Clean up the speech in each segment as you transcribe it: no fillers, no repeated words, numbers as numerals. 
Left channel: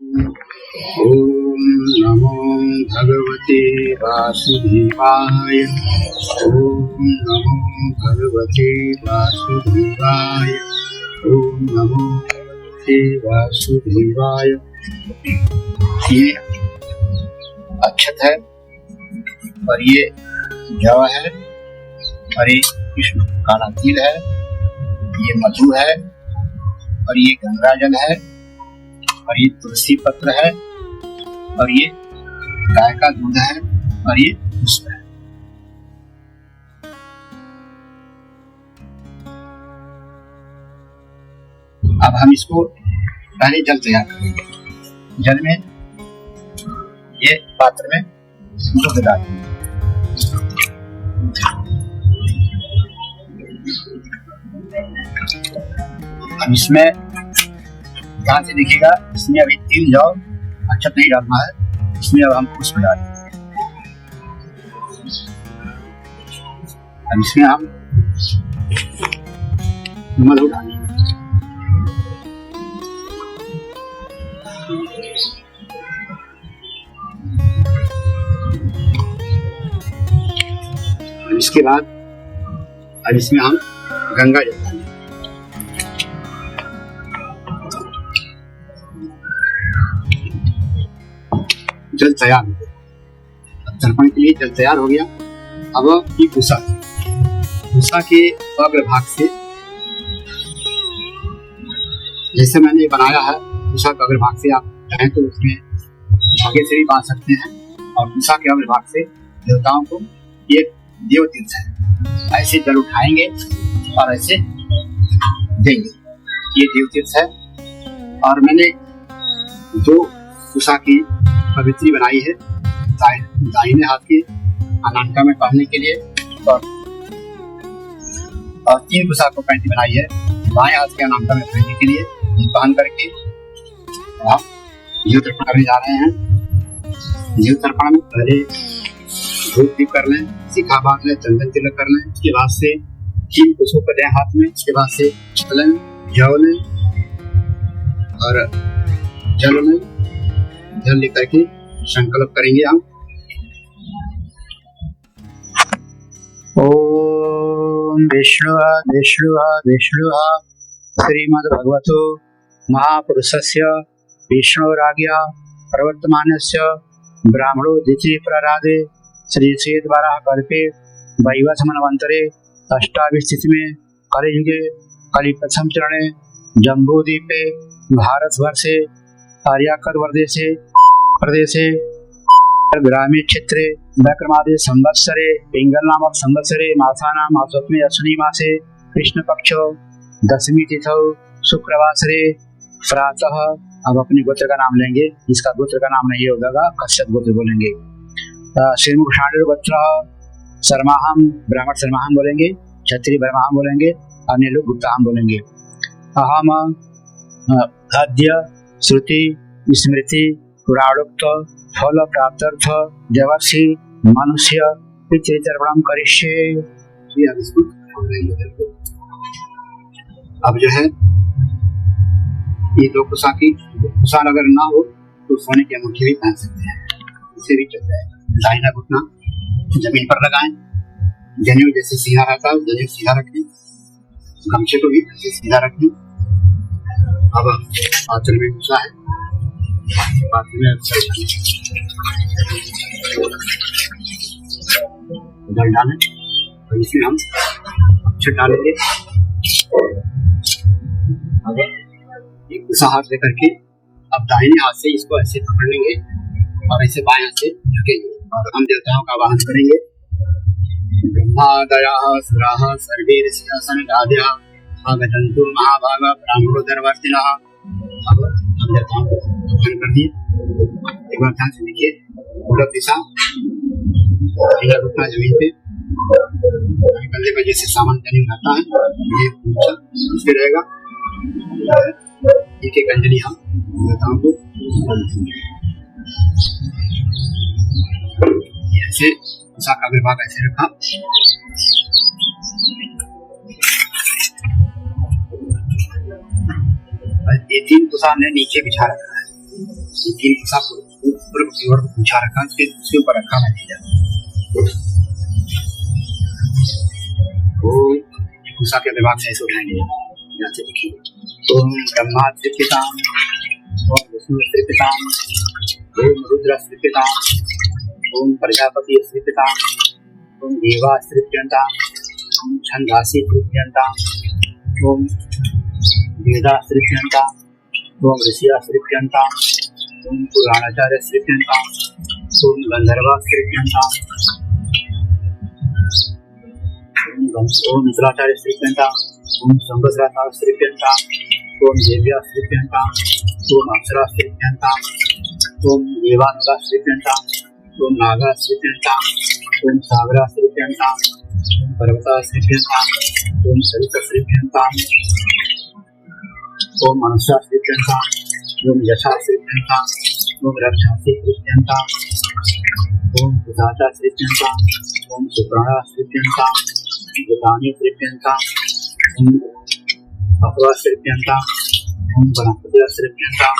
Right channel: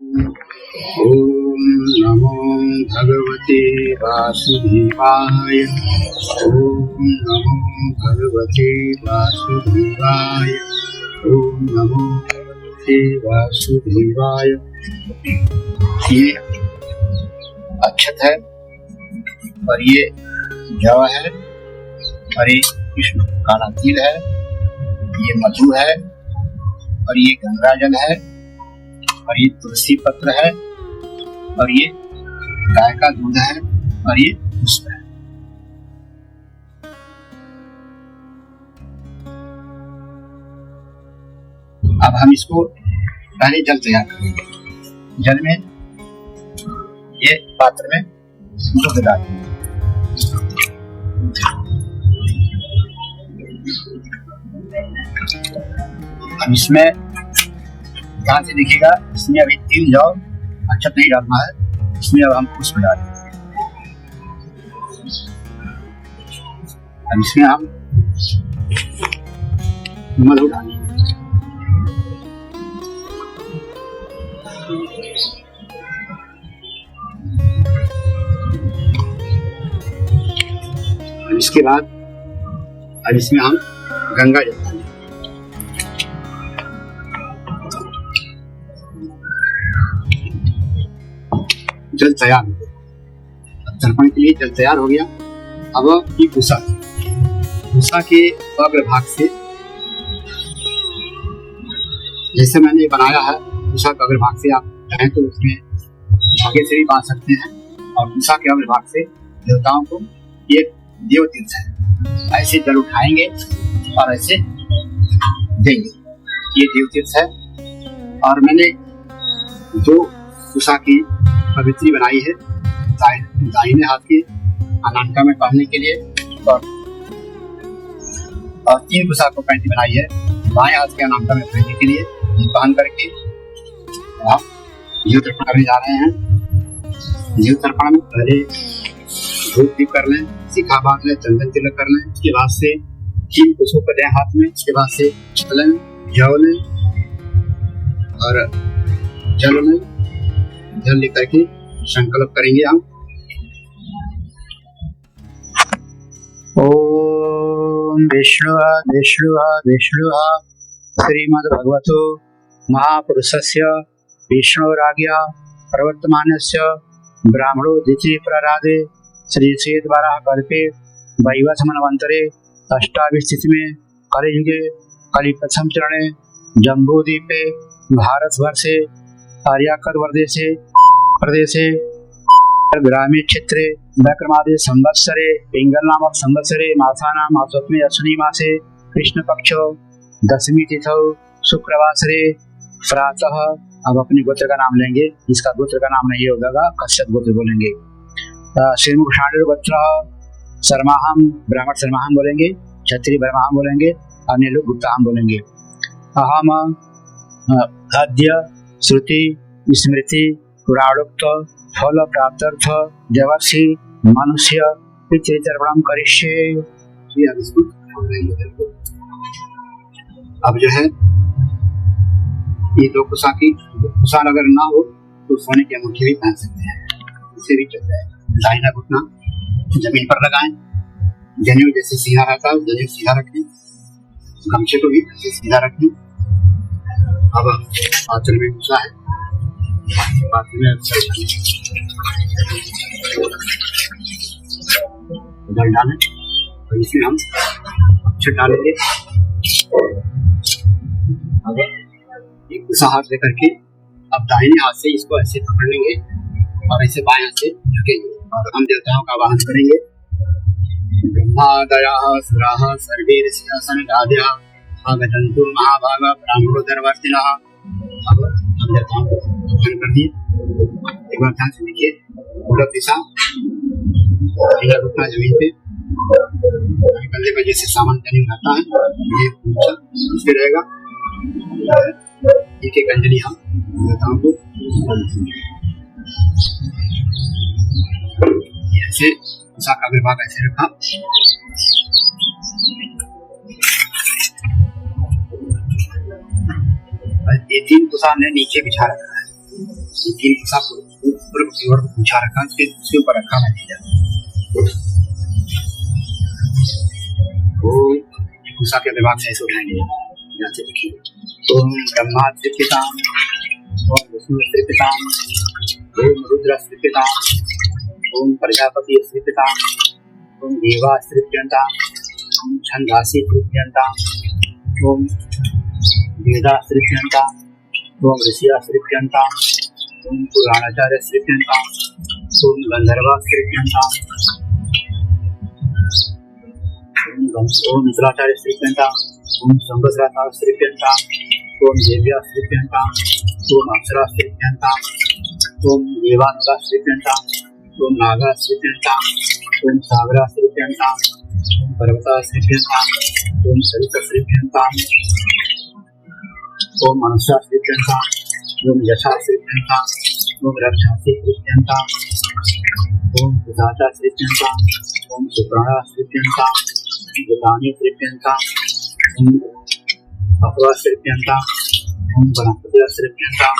ओम नमो भगवते वासुदेवाय। ओम नमो भगवते वासुदेवाय। ओम नमो भगवते वासुदेवाय। ये अक्षत है और ये जव है और ये कृष्ण काला तिल है, ये मधु है और ये गंगा जल है और ये तुलसी पत्र है और ये गाय का दूध है और ये पुष्प है। अब हम इसको पहले जल तैयार करेंगे। जल में ये पात्र में दूध डालेंगे। अब इसमें ध्यान से देखिएगा, इसमें अभी तिल जौ अक्षत नहीं डालना है, इसमें अब हम पुष्प डालेंगे। अब इसमें हम मधु डालेंगे। इसके बाद अब इसमें हम गंगा जल डालेंगे। जल तैयार हो गया, तर्पण के लिए जल तैयार हो गया। अब ये कुसा के अग्रभाग से, जैसे मैंने बनाया है कुसा के अग्रभाग से, आप चाहें तो उसमें धागे से भी बांध सकते हैं। और कुसा के अग्रभाग से देवताओं को, ये देव तीर्थ है, ऐसे जल उठाएंगे और ऐसे देंगे। ये देव तीर्थ है। और मैंने जो कुसा की पवित्री बनाई है दाहिने हाथ के अनामिका में पहनने के लिए, और 3 कुसा को पैंटी बनाई है बाएं हाथ के अनामिका में पहनने के लिए। पहन करके आप जीव तर्पण करने जा रहे हैं। जीव तर्पण में पहले धूप दीप कर लें, शिखा बांध लें, चंदन तिलक कर लें। उसके बाद से 3 कुसों को दें हाथ में। उसके बाद से चलें, जौ लें और जल में जल लेकर के संकल्प करेंगे हम। ओम विष्णु विष्णु विष्णु श्रीमद्भगवतो महापुरुषस्य विष्णुराज्ञा प्रवर्तमानस्य ब्राह्मणो द्वितीय प्रराधे श्री श्वेतवाराह कल्पे वैवस्वत मन्वन्तरे अष्टाविंशतितमे कलियुगे कलिप्रथम चरणे जम्बूद्वीपे भारतवर्षे आर्यावर्तदेशे प्रदेशे ग्रामीण क्षेत्रे विक्रमादि संवत्सरे पिंगल नामक संवत्सरे मासानां मासोत्तमे अश्विनी मासे कृष्ण पक्षो दशमी तिथौ शुक्रवासरे प्रातः। अब अपने गोत्र का नाम लेंगे। इसका गोत्र का नाम नहीं होगा, कश्यप गोत्र बोलेंगे। श्रीमुख शांडिल गोत्र शर्माहम, ब्राह्मण शर्माहम बोलेंगे, क्षत्रिय ब्रह्माहम बोलेंगे, अन्य लोग गुप्ताहम बोलेंगे। अहम अद्य श्रुति स्मृति पुराणोक्त फल प्राप्त्यर्थ देवर्षि मनुष्य पितृतर्पणम करिष्ये। अब जो है ये 2 कुसा की कुसार अगर ना हो तो सोने की अंगूठी भी पहन सकते हैं, इसे भी चलता है। दाहिना घुटना जमीन पर लगाएं, जनेऊ जैसे सीधा रहता है जनेऊ सीधा रखें, गमछे को भी सीधा रखें। अब आंचल में कुसा है, जल डालें और इसमें हम अक्षत डालेंगे। एक कुसा हाथ लेकर के अब दाहिने हाथ से इसको ऐसे पकड़ लेंगे और ऐसे बाएं हाथ से झुकेंगे और हम देवताओं का आवाहन करेंगे। ब्रह्मादयः सुराः सर्वे ऋषयः सनकादयः आगन्तु महाभागा ब्राह्मणोदरवर्तिनः। अब हम देवताओं को आवाहन कर दिए। एक बार ध्यान से देखिए, पूरब दिशा, घुटना जमीन पे, कंधे पर जैसे सामान जमीन रहता है ये इससे रहेगा। एक एक अंजलि हम देवताओं को ऐसे कुसा का अग्रभाग ऐसे रखा। ये 3 कुसा हमने नीचे बिछा रखा है। तीन कुसा पूर्व की ओर पूछा रखा, फिर उसके ऊपर रखा मैंने वो कुसा के विभाग से ऐसे उठाएंगे। यहाँ से देखिए, ओम ब्रह्मा त्रिपिताम, ओम विष्णु त्रिपिताम, ओम रुद्र त्रिपिताम, ओम प्रजापति त्रिपिताम, ओम देवा त्रिप्यंताम, ओम छंदासी त्रिप्यंताम, ओम वेदा त्रिप्यंताम, ओम ऋषिया त्रिप्यंताम, ओम पुराणाचार्य त्रिप्यंताम, ओम गंधर्वा त्रिप्यंताम, ओम मित्राचार्य त्रिप्यंताम, ओम संवत्सराचार्य त्रिप्यंताम, ओम देव्या त्रिप्यंताम, ओम अप्सरा त्रिप्यंताम, ओम देवानुगा त्रिप्यंताम, ओम नागा त्रिप्यंताम, ओम सागरा त्रिप्यंताम, ओम पर्वता त्रिप्यंताम, ओम सरिता त्रिप्यंताम, ओम मनुष्या त्रिप्यंताम, ओम यशा त्रिप्यंताम, ओम रक्षा त्रिप्यंताम, ओम सुजाता त्रिप्यंताम, ओम सुप्राणा त्रिप्यंताम, गतानी त्रिप्यंताम, ओम अपरा त्रिप्यंताम, ओम वनस्पति त्रिप्यंताम,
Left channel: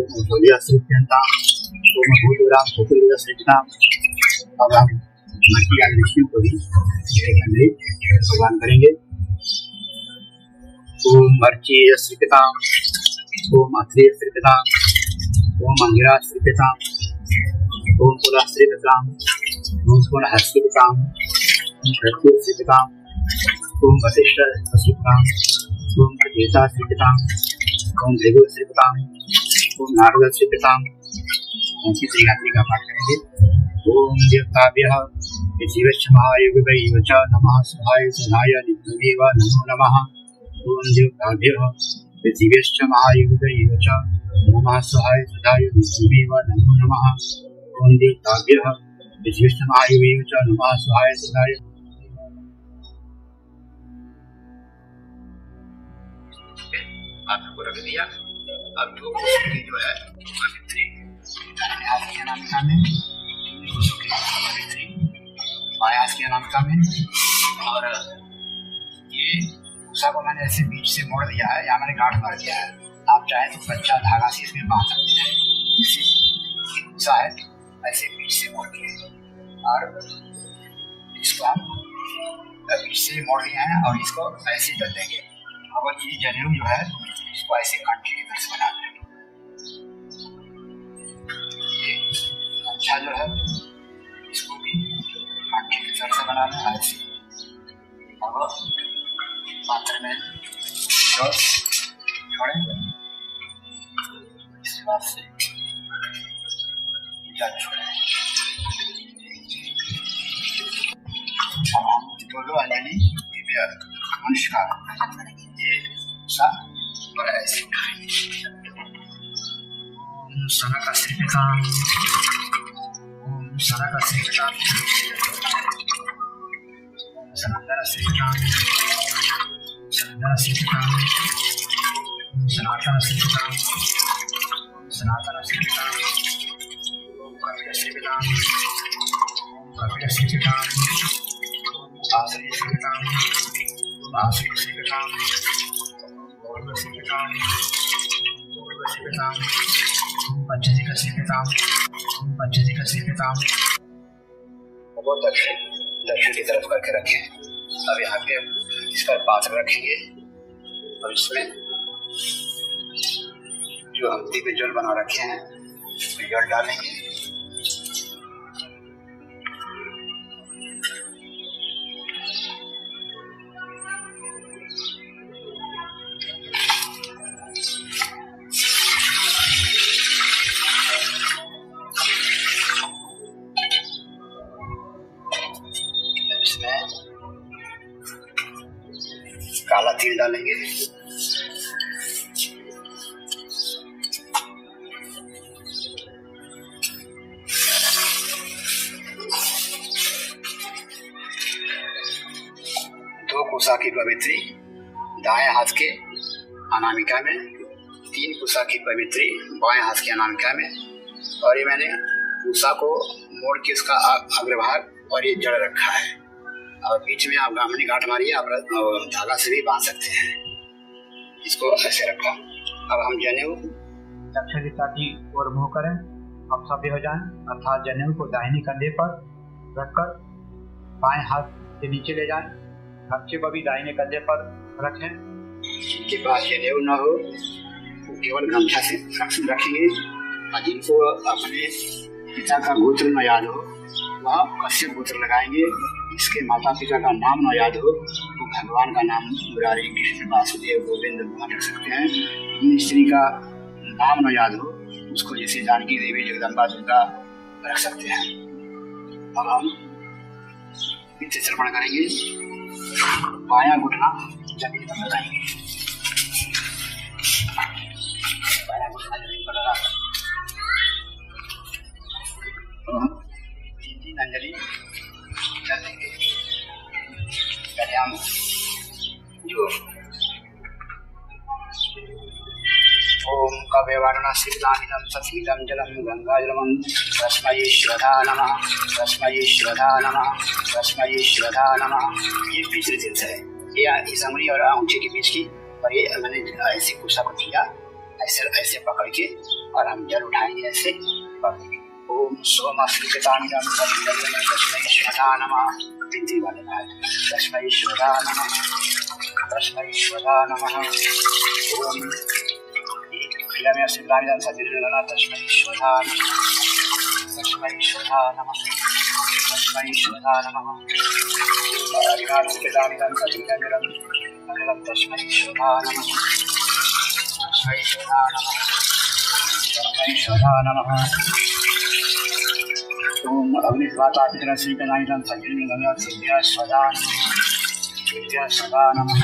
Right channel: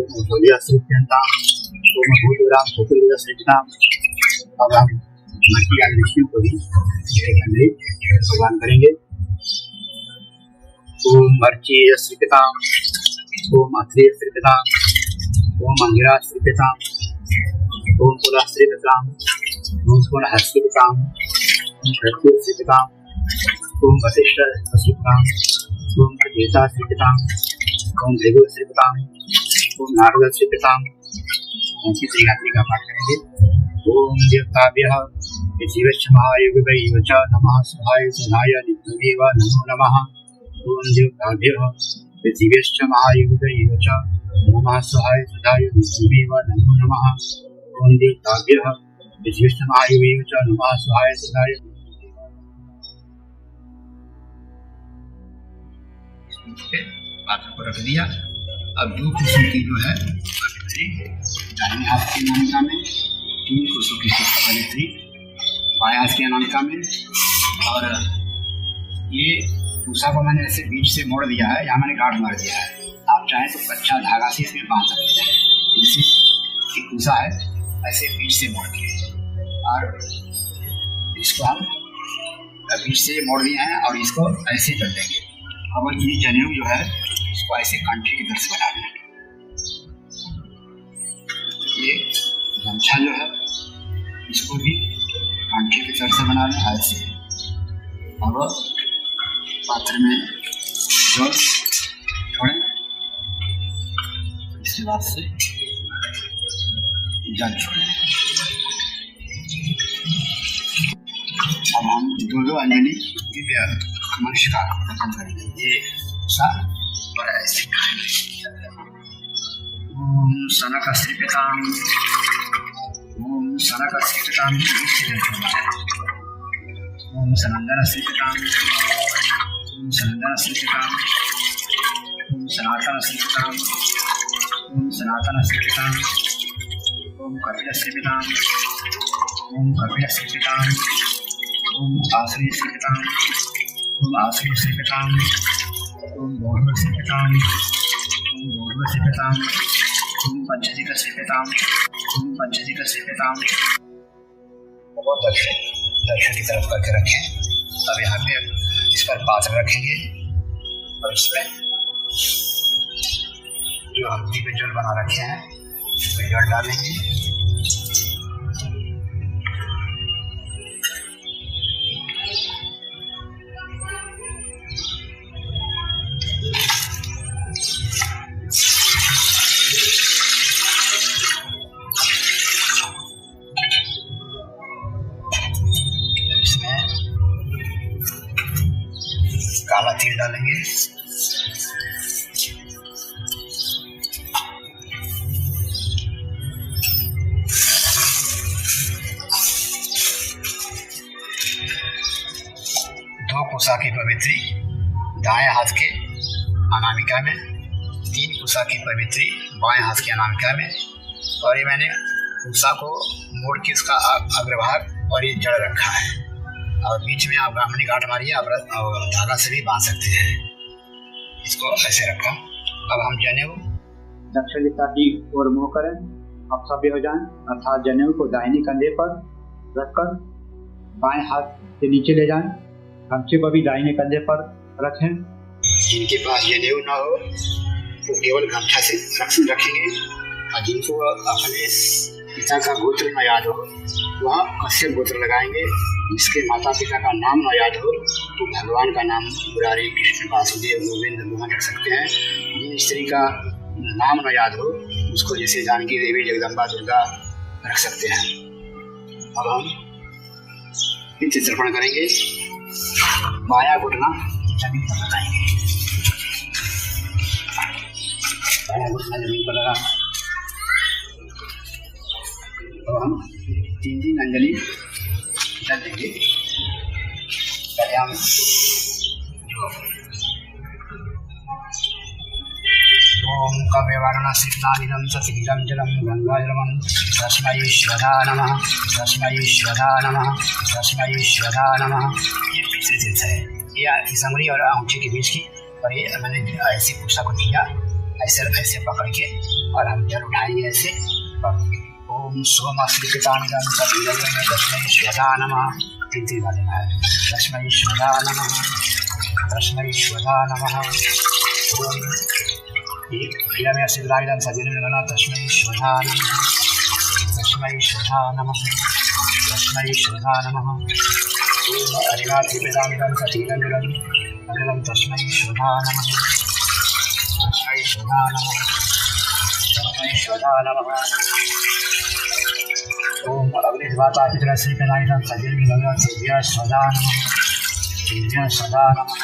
ओम भोलिया त्रिप्यंताम, ओम भूतराम भूतलिया त्रिप्यंताम। अब हम मट्टी आदि ऋषियों को भी भगवान करेंगे। ओम अर्चीय श्रीपिताम, ओम अत्रेय श्रीपिताम, ओम अंगिरा श्रीपिताम, ओम पुला श्रीपिताम, ओम पुनः श्रीपिताम, ओम प्रत्युत श्रीपिताम, ओम वशिष्ठ श्रीपिताम, ओम प्रतीता श्रीपिताम, ओम भृगु श्रीपिताम, ओम नारद श्रीपिताम। ऐसी श्रीगात्री का पाठ करेंगे। ओम देवताभ्यः पृथिव्यश्च महायुगैव च नमः सहाय सहाय नित्यमेव नमो नमः। ओम देवताभ्यः पृथिव्यश्च महायुगैव च नमः सहाय सहाय नित्यमेव नमो नमः। ओम देवताभ्यः पृथिव्यश्च महायुगैव च नमः सहाय सहाय। पात्र को रख दिया। अब दो कुसुम की जो है दाहिने हाथ की अनामिका में, तीन कुसुम की पवित्री बाएं हाथ की अनामिका में, और ये कुसा को मैंने ऐसे बीच से मोड़ दिया है, यहाँ मैंने गांठ मार दिया है। आप चाहें तो कच्चा धागा से इसमें बांध सकते हैं। जैसे ये कुसा है ऐसे बीच से मोड़ दिए, और इसको हम बीच से मोड़ दिए हैं और इसको ऐसे जड़ देंगे। अब ये जनेऊ जो है इसको ऐसे कंठी की तरह से बना देना। ये गमछा जो है इसको भी कंठी की तरह से बना लें ऐसे। अब पात्र में जो छोड़ें, इसके बाद से जल छोड़ें। अब हम दो अंजलि दिव्य मनुष्य का अर्पण करेंगे। ये सा और ऐसे। ओम सनक श्रीपिताम, ओम सनक श्रीपिताम, ओम सनंदन श्रीपिताम, ओम सनंदन श्रीपिताम, ओम सनातन श्रीपिताम, ओम सनातन श्रीपिताम, ओम कपिल श्रीपिताम, ओम कपिल श्रीपिताम, ओम आश्रय श्रीपिताम, ओम आश्रय श्रीपिताम, ओम गौरव श्रीपिताम, ओम गौरव श्रीपिताम, ओम पंचजिक श्रीपिताम, ओम पंचजिक श्रीपिताम। बहुत दक्षिण की तरफ करके रखें। अब यहाँ पे इस पर पात्र रखेंगे और इसमें जो हल्दी के जल बना रखे हैं तो जल डालेंगे। काला तिल डालेंगे। दो कुसा की पवित्री दाएं हाथ के अनामिका में, तीन कुसा की पवित्री बाएं हाथ के अनामिका में, और ये मैंने कुसा को मोड़ के इसका अग्रभाग और ये जड़ रखा है, और बीच में आप ब्राह्मणी गांठ मारिए, आप धागा से भी बांध सकते हैं। इसको ऐसे रखा। अब हम जनेऊ दक्षिण दिशा की ओर मुँह करें और सभ्य हो जाएं, अर्थात जनेऊ को दाहिने कंधे पर रखकर बाएं हाथ से नीचे ले जाएं, गमछे को भी दाहिने कंधे पर रखें। जिनके पास जनेऊ न हो वो केवल गमछा से रखेंगे, और जिनको अपने पिता का गोत्र न याद हो वह कश्यप गोत्र लगाएंगे। जिसके माता पिता का नाम न याद हो तो भगवान का नाम मुरारी, कृष्ण, वासुदेव, गोविंद, मोहन रख सकते हैं। जिन स्त्री का नाम न याद हो उसको जैसे जानकी देवी, जगदम्बा, दुर्गा रख सकते हैं। अब हम पितृ तर्पण करेंगे। बायां घुटना जमीन पर लगाएंगे, बायां घुटना जमीन पर लगा और हम 3 अंजलि जल देंगे। पहले हम जो ओम कव्यवारणा शीतलामिदं सतीदं जलं गंगाजलं तस्मै श्रद्धा नमः, तस्मै श्रद्धा नमः, तस्मै श्रद्धा नमः। ये पितृतीर्थ है, ये इस अंगुली और अंगूठे के बीच की, और ये मैंने ऐसे कुर्सा को दिया, ऐसे ऐसे पकड़ के और हम जल उठाएंगे ऐसे। ओम सोमश्रीकृतानिदं सतीदं तस्मै श्रद्धा नमः। 3 बार लेना है। तस्मै श्रद्धा नमः, तस्मै श्रद्धा नमः। ओम में शीतलामिदं सतीदं तस्मै श्रद्धा नमः, तस्मै श्रद्धा नमः, तस्मै श्रद्धा नमः। ओम हरिनाथकृतानिदं सतीदं तस्मै श्रद्धा नमः, तस्मै श्रद्धा नमः, तस्मै श्रद्धा नमः। ओम अग्निस्वाता पितरः श्रीकृतानिदं सतीदं तेभ्यः सदा नमः, तेभ्यः सदा नमः,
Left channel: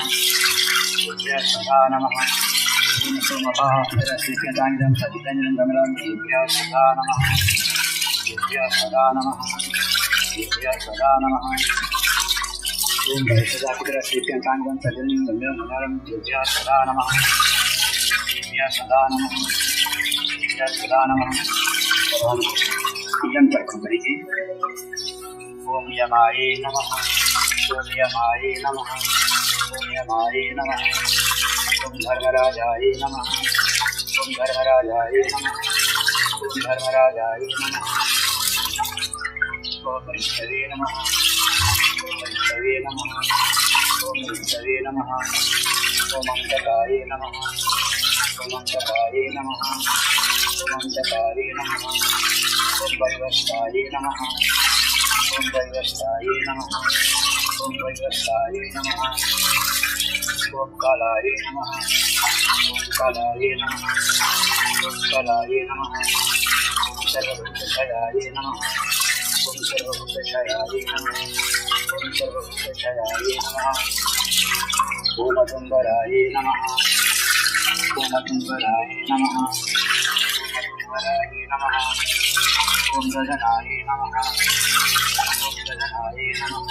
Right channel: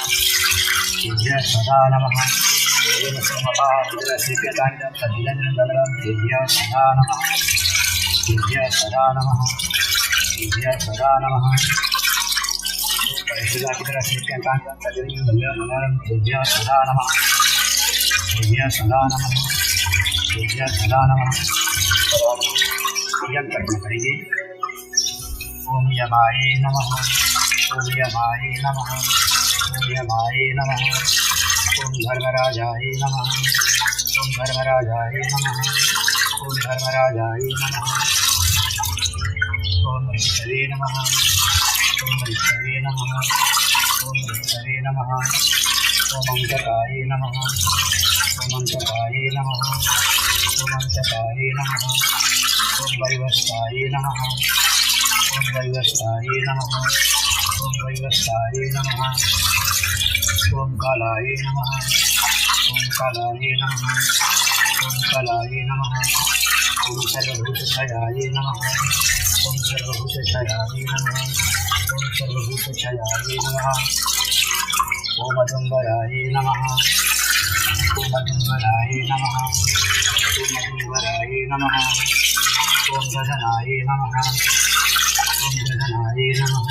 तेभ्यः सदा नमः। ओम सोमपाः पितरः श्रीकृतानिदं सतीदं तेभ्यः सदा नमः, तेभ्यः सदा नमः, तेभ्यः सदा नमः। ओम भैषजा पितरः श्रीकृतानिदं सतीदं तेभ्यः सदा नमः, तेभ्यः सदा नमः, तेभ्यः सदा नमः। यम तर्पण करेंगे। ओम यमाय नमः, ओम यमाय नमः, ओम यमाय नमः। ओम धर्मराजाय नमः, ओम धर्मराजाय नमः, ओम धर्मराजाय नमः। ओम ऋषवे नमः, ओम ऋषवे नमः, ओम ऋषवे नमः। ओम अंतकाय नमः, ओम अंतकाय नमः, ओम अंतकाय नमः। ओम वैवस्ताय नमः, ओम वैवस्ताय नमः, ओम वैवस्ताय नमः। ओम कालाय नमः, ओम कालाय नमः, ओम कालाय नमः। ओम सर्वभूतक्षयाय नमः, ओम सर्वभूतक्षयाय नमः, ओम सर्वभूतक्षयाय नमः। ओम अदुम्बराय नमः, ओम अदुम्बराय नमः, ओम अदुम्बराय नमः। ओम गगनाय नमः, ओम गगनाय नमः,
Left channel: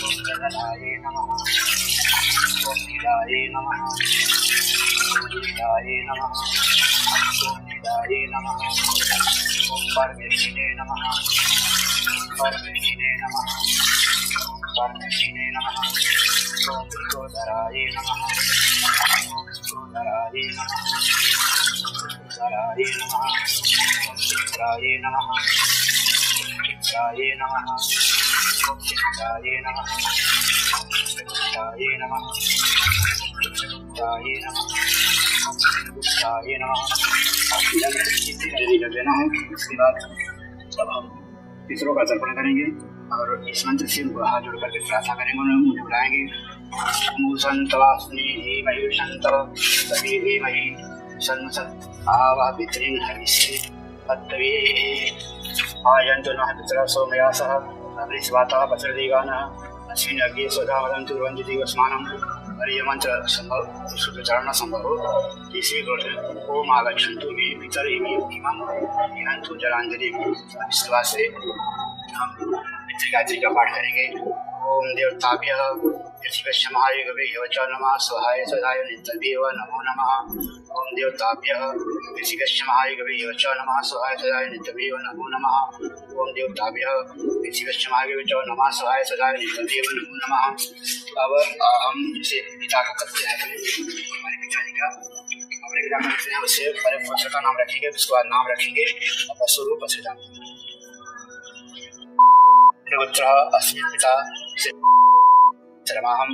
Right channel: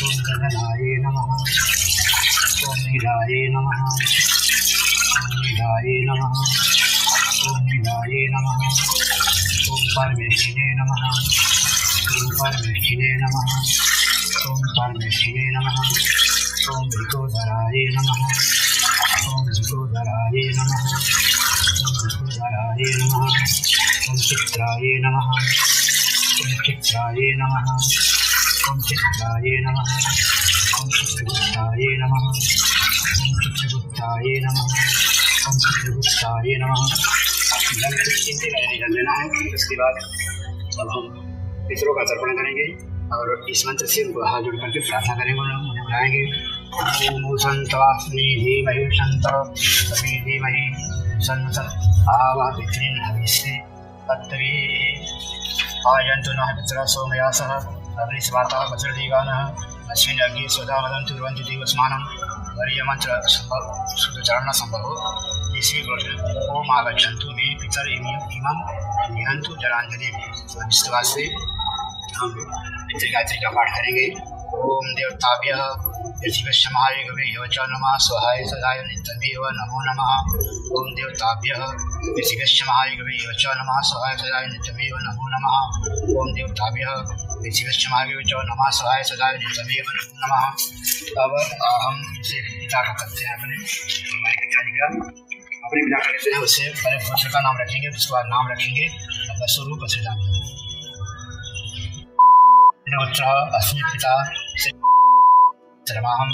ओम गगनाय नमः। ओम नीलाय नमः, ओम नीलाय नमः, ओम नीलाय नमः। ओम परमेष्ठिने नमः, ओम परमेष्ठिने नमः, ओम परमेष्ठिने नमः। ओम विकोधराय नमः, ओम विकोधराय नमः, ओम विकोधराय नमः। ओम चित्राय नमः, ओम चित्राय नमः, ओम चित्राय नमः। ओम चित्रगुप्ताय नमः, ओम चित्रगुप्ताय नमः, ओम चित्रगुप्ताय नमः। जल लेना है। उसके बाद अब हम पितरों का तर्पण करेंगे और इस मंत्र से उनको हाथ जोड़ करके प्रार्थना करेंगे, उन्हें बुलाएंगे। ओम संतवास्मी धीमहि संत सभी धीमहि सन्नत आवा पितॄन् हविष्ये तत्त्वे आयन्तु नः पितरः सोमयासः अग्निस्वाताः वज्रदेवानः अस्मिन् अग्ने स्वधा वदन्तु कुर्वन्तु देवस्मानं। हरिः मंत्र संभव शुद्धचरण संभव इसी ओम आगच्छन्तु मे पितर इमं निहन्तु जलांजलि। विश्वास से हम गायत्री का पाठ करेंगे। ओम देवताभ्यः पृथ्वीशमाय गवेयो च नमः स्वाहाय सदाय नित्यमेव नमो नमः। ओम देवताभ्यः पृथ्वीशमाय गवेयो च नमः स्वाहाय सदाय नित्यमेव नमो नमः। ओम देवताभ्यः पृथ्वीशमाय गवेयो च नमः स्वाहाय सदाय नित्यमेव नमो नमः। अब हम इसे पिता को करते हैं अपने हमारे पिताजी का। अपने पिता का जो है उससे पहले गोत्र का नाम रखेंगे, उसके बाद नाम रखेंगे वसुरूप अश्रिता गोत्र अस्मि पिता सर्वहं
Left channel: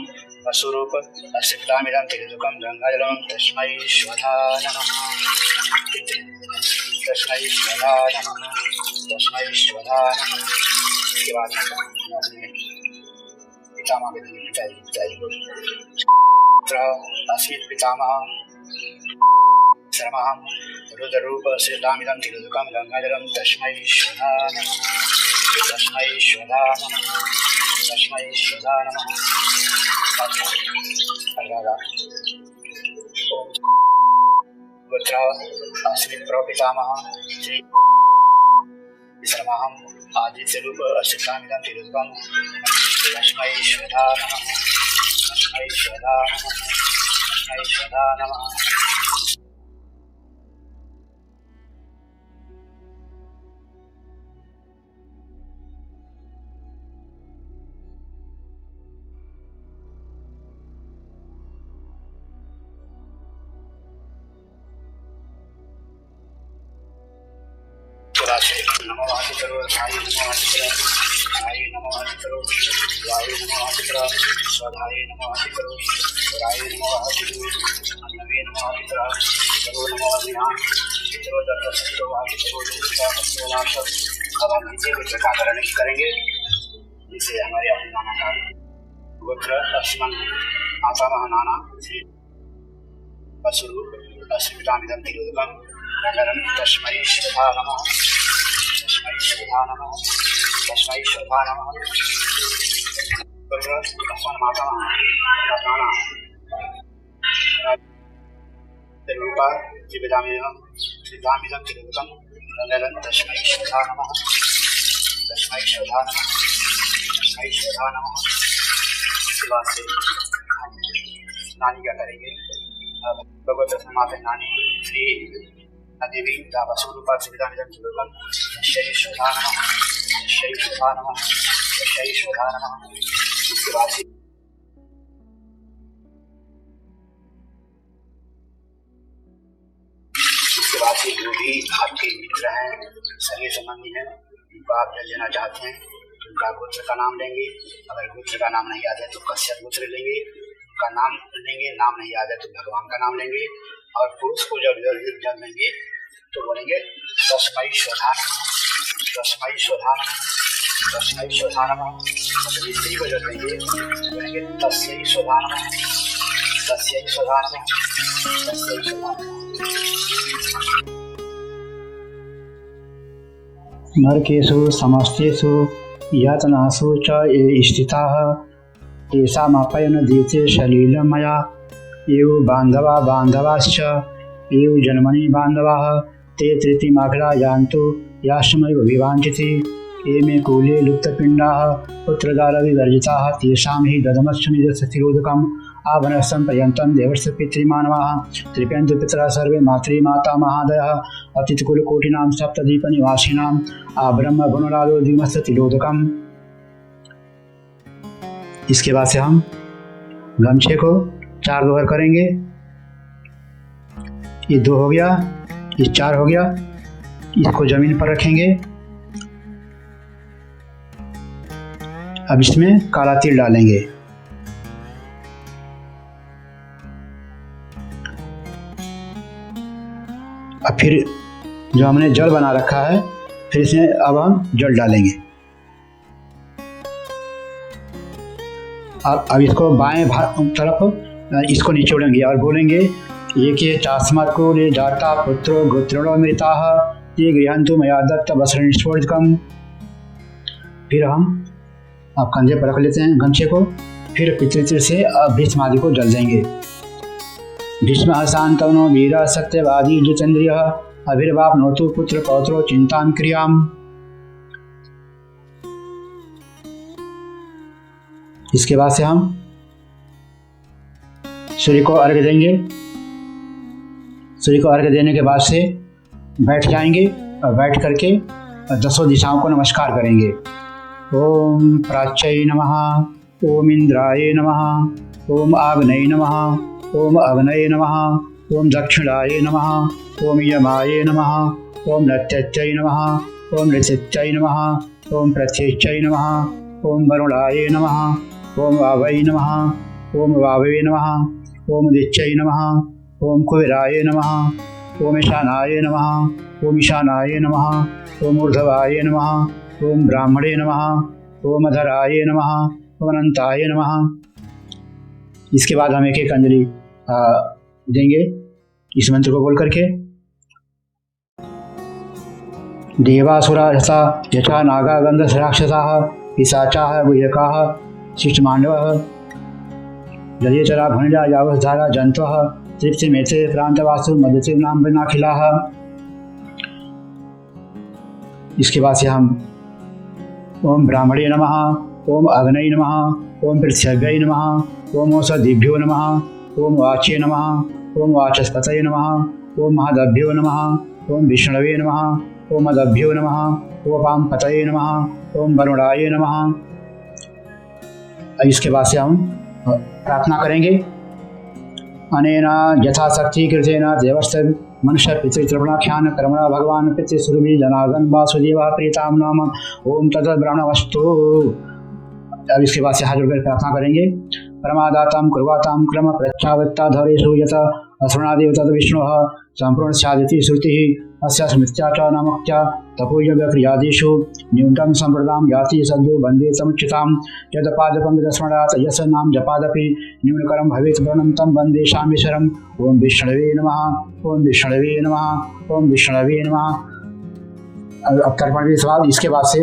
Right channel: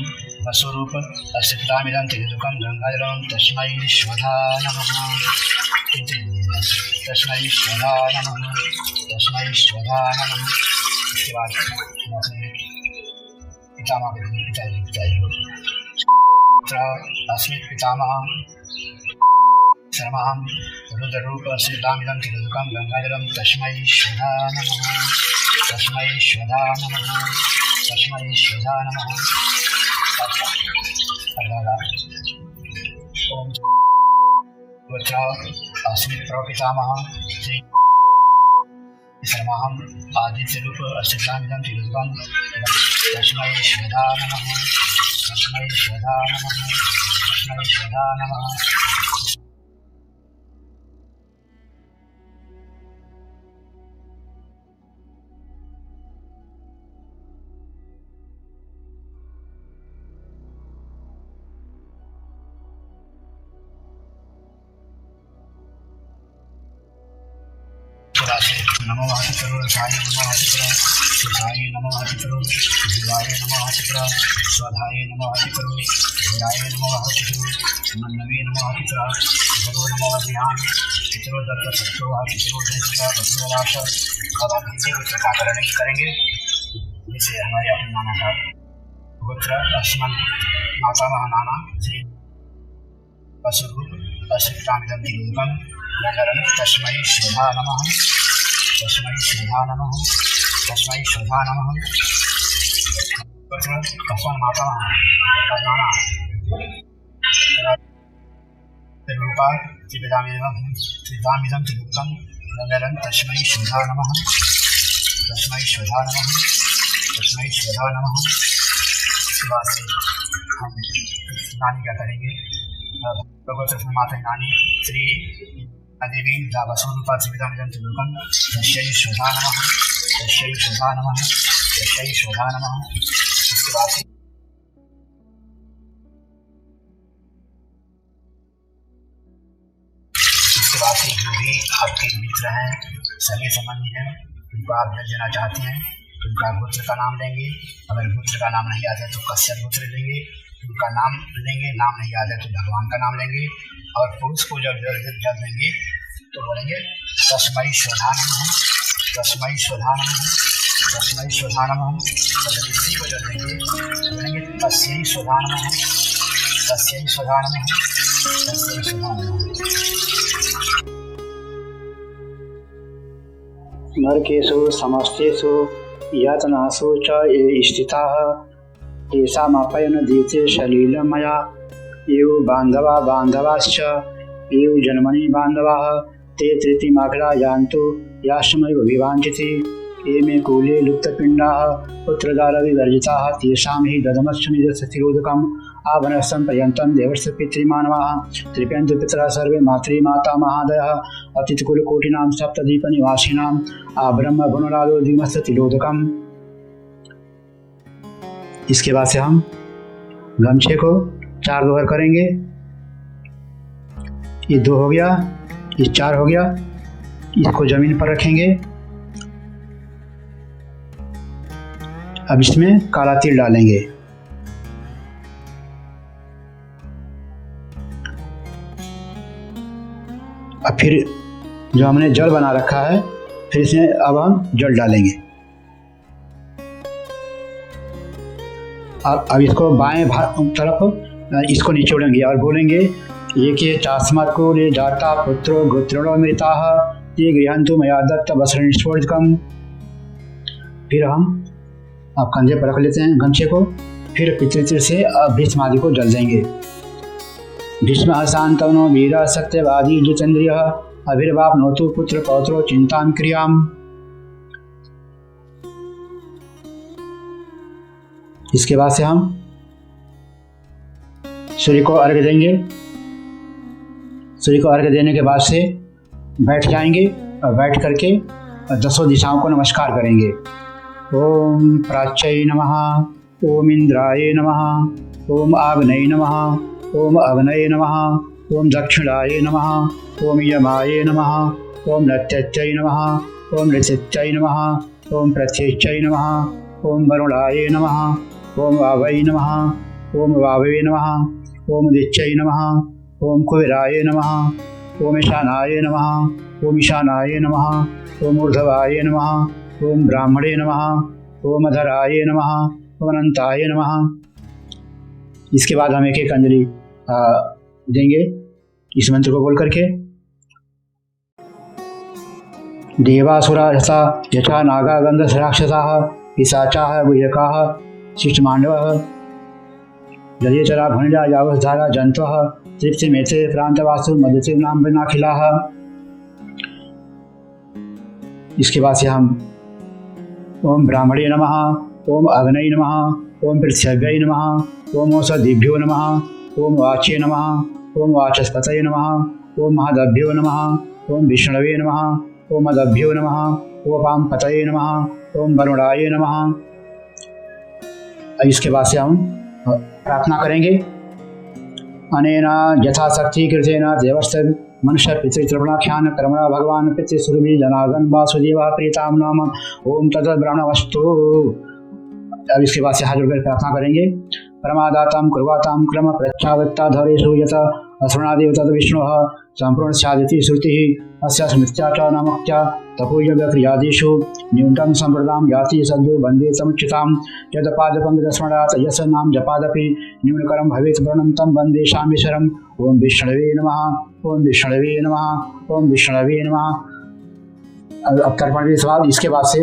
वसुरूप अश्रितामिदं त्रिलोकं गंगाजलं तस्मै स्वधा नमः तस्मै स्वधा नमः तस्मै स्वधा नमः। इसके बाद हम अपने पितामह को पिताजी को अस्मि पितामह सर्वहं रुद्ररूप अश्रितामिदं त्रिलोकं गंगाजलं तस्मै स्वधा नमः तस्मै स्वधा नमः तस्मै स्वधा नमः। ओम गोत्र अस्मि प्रपितामह श्री सर्वहं आदित्यरूप अश्रितामिदं त्रिलोकं तस्मै स्वधा नमः तस्मै स्वधा नमः तस्मै स्वधा नमः। नमो वासिकरो साई नमो वासिकरो साई नमो वासिकरो शिवाय नमो वासिकरो स्वधाय नमो वासिकरो धराय नमो वासिकरो मन्नवे नमो वासिकरो गुरु नमो अभियान पितरो दत्त सत्तो वासिकरो देशका भद्रदास। अब हम इसी गोत्र का करण करेंगे जिसे हमारे अपने नाना का गोत्र अस्मन मातामह नाना श्री वसुरूप अश्रितामिदं त्रिलोकं गंगाजलं तस्मै स्वधा नमः तस्मै स्वधा नमः तस्मै स्वधा नमः। गोत्र अस्मन् मातामह नाना रूपा त्रिविधामिदं त्रिलोकं गंगाजलं तस्मै स्वधा नमः तस्मै स्वधा नमः तस्मै स्वधा नमः। इसके बाद से हम नानी क्या करेंगे गोत्र माता नानी श्री देवी वसुरूपा त्रिविधामिदं त्रिलोकं तस्यै स्वधा नमः तस्यै स्वधा नमः तस्यै स्वधा नमः। इसके बाद से जो भी आपके मित्र हैं सगे संबंधी हैं उनको आप जल लेना चाहते हैं तो उनका गोत्र का नाम लेंगे। अगर गोत्र का नाम नहीं आता है तो कश्यप गोत्र लेंगे, उनका नाम लेंगे। नाम नहीं आता है तो भगवान का नाम लेंगे। और पुरुष को जब लेंगे तो बोलेंगे तस्मै स्वधा नमः तस्मै स्वधा नमः तस्मै स्वधा नमः। जब स्त्री को जब लेंगे बोलेंगे तस्यै स्वधा नमः तस्यै स्वधा नमः तस्यै स्वधा नमः। नरकेषु समस्तेषु यातनासु च ये स्थिताः तेषामपयन दीते सलीलं मया एव बान्धवा बान्धवाश्च एव जन्मनि बान्धवाः ते तृतीयमाघ्रा यान्तु याश्रमैव विवाञ्छति ये मे कूले लुप्तपिण्डाः पुत्रदारविवर्जिताः तेषां हि ददमश्च निजस्थितिरोधकम् आभनस्तं पर्यन्तं देवस्य पितृमानवाः तृप्यन्तु पितरः सर्वे मातृमाता महादयः अतिथिकुलकोटिनां सप्तद्वीपनिवासिनाम् आब्रह्म गुणराजो द्विमस्य तिलोदकम्। इसके बाद से हम गमछे को 4 दोहर करेंगे। ये 2 हो गया, ये 4 हो गया। इसको जमीन पर रखेंगे। अब इसमें काला तिल डालेंगे। अब फिर जो हमने जल बना रखा है फिर इसमें अब हम जल डालेंगे। अब इसको बाएं तरफ इसको निचोड़ेंगे और बोलेंगे ये के चास्मत् को ले जाता पुत्रो गोत्रणो मृताः ये गृहन्तु मया दत्त वस्त्रनिष्फोदितम्। फिर हम अब कंधे पर रख लेते हैं गमछे को। फिर पितृ से भीष्म आदि को जल देंगे। भीष्मः शान्तनो वीरः सत्यवादी जितेन्द्रियः अभिर्वाप्नोतु पुत्र पौत्रो चिन्तां क्रियाम्। इसके बाद से हम सूर्य को अर्घ्य देंगे। सूर्य को अर्घ्य देने के बाद से बैठ जाएंगे और बैठ करके 10 दिशाओं को नमस्कार करेंगे। ओम प्राच्यै नमः, ओम इंद्राय नमः, ओम आग्नेय नमः, ओम अग्नये नमः, ओम दक्षिणाय नमः, ओम यमाय नमः, ओम नत्यच्यै नमः, ओम ऋचिच्यै नमः, ओम प्रत्यच्यै नमः, ओम वरुणाय नमः, ओम वावै नमः, ओम वाववे नमः, ओम दिच्यै नमः, ओम कुबेराय नमः, ओम ईशानाय नमः, ओम ईशानाय नमः, ओम ऊर्ध्वाय नमः, ओम ब्राह्मणे नमः, ओम अधराय नमः, ओम अनंताय नमः। इसके बाद हम एक एक अंजलि देंगे इस मंत्र को बोल करके। देवासुरा यथा नागा गंधर्व राक्षसाः पिशाचाः गुह्यकाः शिष्टमांडवः जलीयचरा भुनिजा यावधारा जंतवः तृप्तिमेते प्रांतवासु मधुसिम्नां वनाखिलाः। इसके बाद से हम ओम ब्राह्मणे नमः, ओम अग्नये नमः, ओम पृथ्व्यै नमः, ओम औषधिभ्यो नमः, ओम वाच्ये नमः, ओम वाचस्पतये नमः, ओम महादभ्यो नमः, ओम विष्णवे नमः, ओम मदभ्यो नमः, ओम पांपतये नमः, ओम वरुणाय नमः। इसके बाद से हम प्रार्थना करेंगे। अनेन यथाशक्ति कृतेन देवस्य मनुष्य पितृतृपणाख्यान कर्मणा भगवान पितृसुरभि जनार्दन वासुदेव प्रीताम नाम ओम तद ब्रह्मवस्तु। अब इसके बाद से हाथ जोड़कर प्रार्थना करेंगे। परमादातां कुर्वातां क्रम प्रच्छावत्ता धरेषु यत असृणादेव तद विष्णुः संपूर्ण स्यादिति श्रुतिः अस्य स्मृत्या च नामक्त्या तपोयव्यक्रियादिषु न्यूनतम संप्रदां याति सद्यो वन्दे समुचितां यदपादपङ्कजस्मरणात् यस्य नाम जपादपि न्यूनकरं भवेत् वर्णं तं वन्दे शामेश्वरम्। ओम विष्णवे नमः, ओम विष्णवे नमः, ओम विष्णवे नमः। अब तर्पण के सवाल इसके बाद से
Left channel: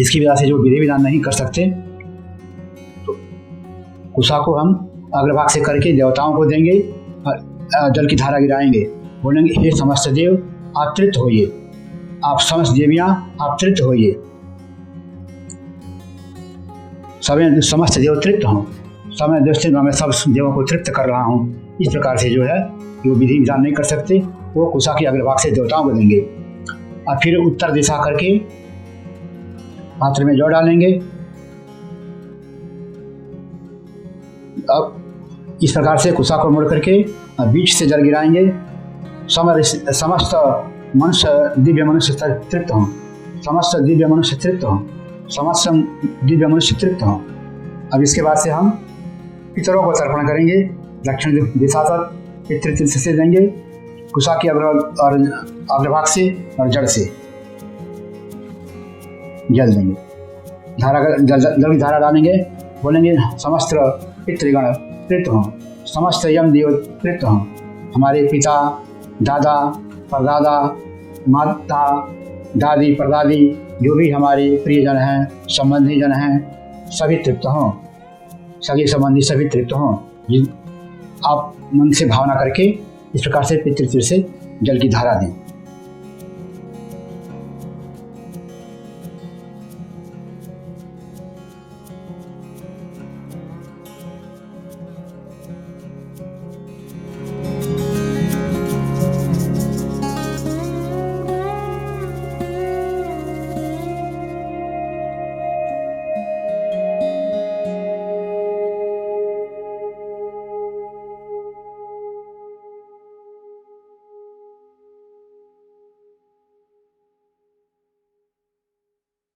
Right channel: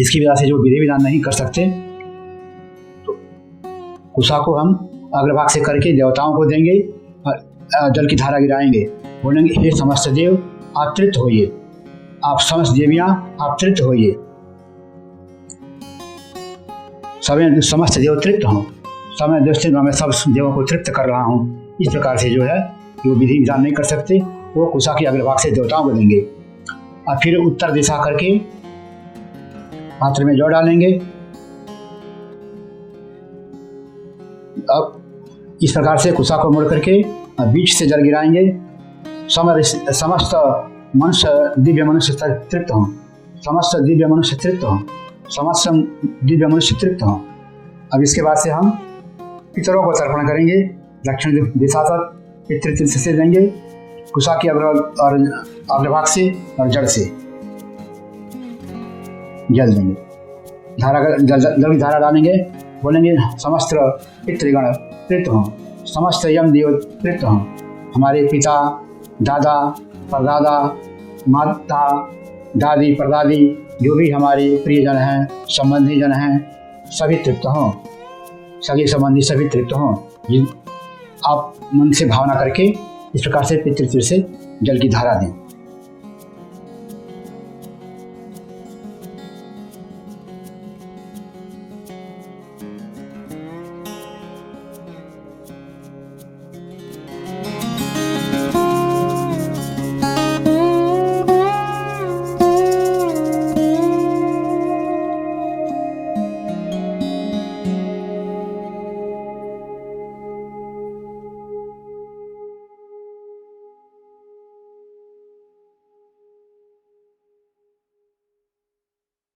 इसकी वजह से जो विधि विधान नहीं कर सकते तो कुशा को हम अग्रभाग से करके देवताओं को देंगे और जल की धारा गिराएंगे। बोलेंगे हे समस्त देव आप तृप्त होइए, आप समस्त देवियां आप तृप्त होइए, सभी समस्त देव तृप्त हों, समय दृष्टि में मैं सब देवों को तृप्त कर रहा हूँ। इस प्रकार से जो है जो विधि विधान नहीं कर सकते वो कुशा के अग्रभाग से देवताओं को देंगे। और फिर उत्तर दिशा करके पात्र में जौ डालेंगे। अब इस प्रकार से कुशा को मोड़ करके बीच से जल गिराएंगे। समस्त मनुष्य दिव्य मनुष्य तृप्त हों, समस्त दिव्य मनुष्य तृप्त हों, समस्त दिव्य मनुष्य तृप्त हों। अब इसके बाद से हम पितरों को तर्पण करेंगे। दक्षिण दिशा तक पितृ से देंगे कुशा की अग्रभाग से और जड़ से जल देंगे। जल की धारा डालेंगे। बोलेंगे समस्त पितृगण तृप्त हों, समस्त यम देव तृप्त हों, हमारे पिता दादा परदादा माता दादी परदादी जो भी हमारे प्रियजन हैं संबंधी जन हैं सभी तृप्त हों, सभी संबंधी सभी तृप्त हों। आप मन से भावना करके इस प्रकार से पितृ से जल की धारा दें।